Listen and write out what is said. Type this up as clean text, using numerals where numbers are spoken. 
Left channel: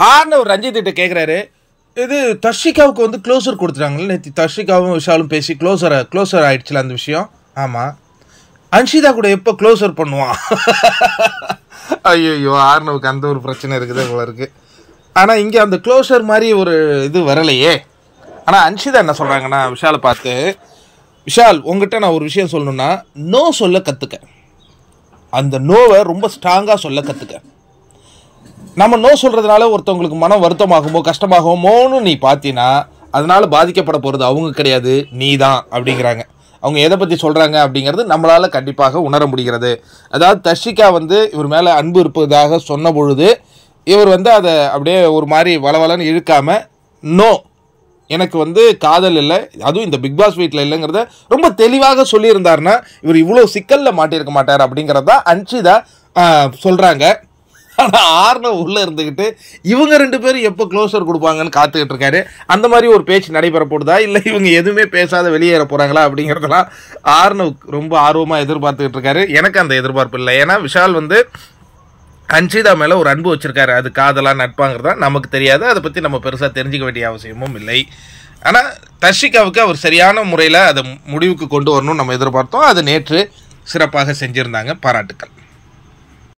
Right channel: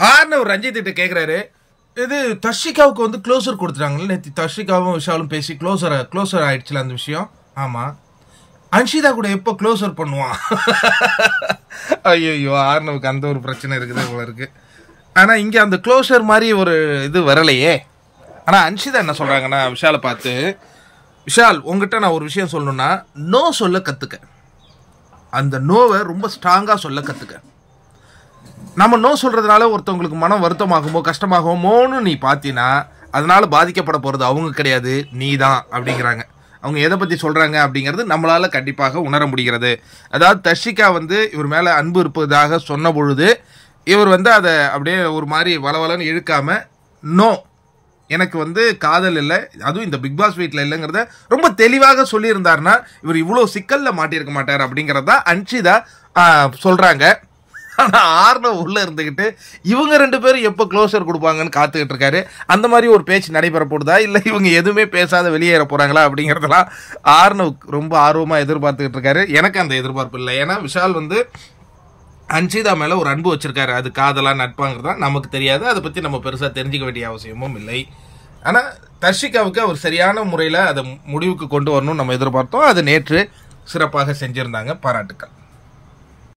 ஆர்னவ் ரஞ்சித் கிட்ட கேட்குறாரு, இது தர்ஷிகாவுக்கு வந்து க்ளோசர் கொடுத்துட்டாங்களே நேற்று. தர்ஷிகாவும் விஷாலும் பேசி க்ளோசர் ஆயிடுச்சுல அந்த விஷயம். ஆமாம், அன்ஷிதா கூட எப்போ க்ளோசர் பண்ணுவான்? ஐயோ, ஆர்னவுக்கு அந்த ஒரு பிரச்சனை இருக்குது போல இருக்கு. ஆனால் இங்கே அந்த க்ளோசர் மாதிரி ஒரு இது வரலையே. ஆனால் அன்ஷிதா என்ன சொல்கிறாங்கன்னா விஷாலை பார்த்து, விஷால் உங்ககிட்ட நான் ஒரு விஷயம் சொல்லணுன்னா, நோ சொல்ல கற்றுக்க. அந்த நோவை ரொம்ப ஸ்ட்ராங்காக சொல்ல கற்றுக்க. நம்ம நோ சொல்கிறதுனால ஒருத்தவங்களுக்கு மனம் வருத்தமாகுமோ கஷ்டமாகுமோன்னு நீ பார்த்தீங்கன்னா அதனால் பாதிக்கப்பட போகிறது அவங்க கிடையாது, நீ தான் அப்படிங்கிறாங்க. அவங்க எதை பற்றி சொல்கிறாங்க அப்படிங்கிறது நம்மளால் கண்டிப்பாக உணர முடிகிறது. அதாவது தர்ஷிகா வந்து இவர் மேலே அன்பு இருப்பதாக சொன்ன பொழுது இவர் வந்து அதை அப்படியே ஒரு மாதிரி வளவலன்னு இழுக்காமல், நோ எனக்கு வந்து காதல் இல்லை, அதுவும் இந்த பிக் பாஸ் வீட்டில் இல்லைங்கிறத ரொம்ப தெளிவாக சொல்லியிருந்தாருன்னா இவர் இவ்வளோ சிக்கலில் மாட்டியிருக்க மாட்டார் அப்படிங்கிறதா அன்ஷிதா சொல்கிறாங்க. ஆனால் ஆர்னவ் உள்ளே இருந்துக்கிட்டு இவங்க 2 பேரும் எப்போ க்ளோசர் கொடுப்பாங்கன்னு காத்துக்கிட்டு இருக்காரு. அந்த மாதிரி ஒரு பேச்சு நடைபெற போடுதா, இல்லை இவங்க எதுவுமே பேசாத வெளியேற போகிறாங்களா அப்படிங்கிறதெல்லாம் ஆர்னவ் ரொம்ப ஆர்வமாக எதிர்பார்த்துக்கிட்டு இருக்காரு. எனக்கு அந்த எதிர்பார்ப்பு இல்லை. ஏன்னா விஷால் வந்து அன்ஷிதா மேலே ஒரு அன்பு வச்சுருக்காரு. அது காதலாக நட்பாங்கிறதா நமக்கு தெரியாது, அதை பற்றி நம்ம பெருசாக தெரிஞ்சிக்க வேண்டிய அவசியமும் இல்லை. ஆனால் தர்ஷிகாவுக்கு அவர் சரியான முறையில் அதை முடிவுக்கு கொண்டு வரணும்னு நம்ம எதிர்பார்த்தோம். அதை நேற்று சிறப்பாக செஞ்சுருந்தாங்க. பாராட்டுக்கள்.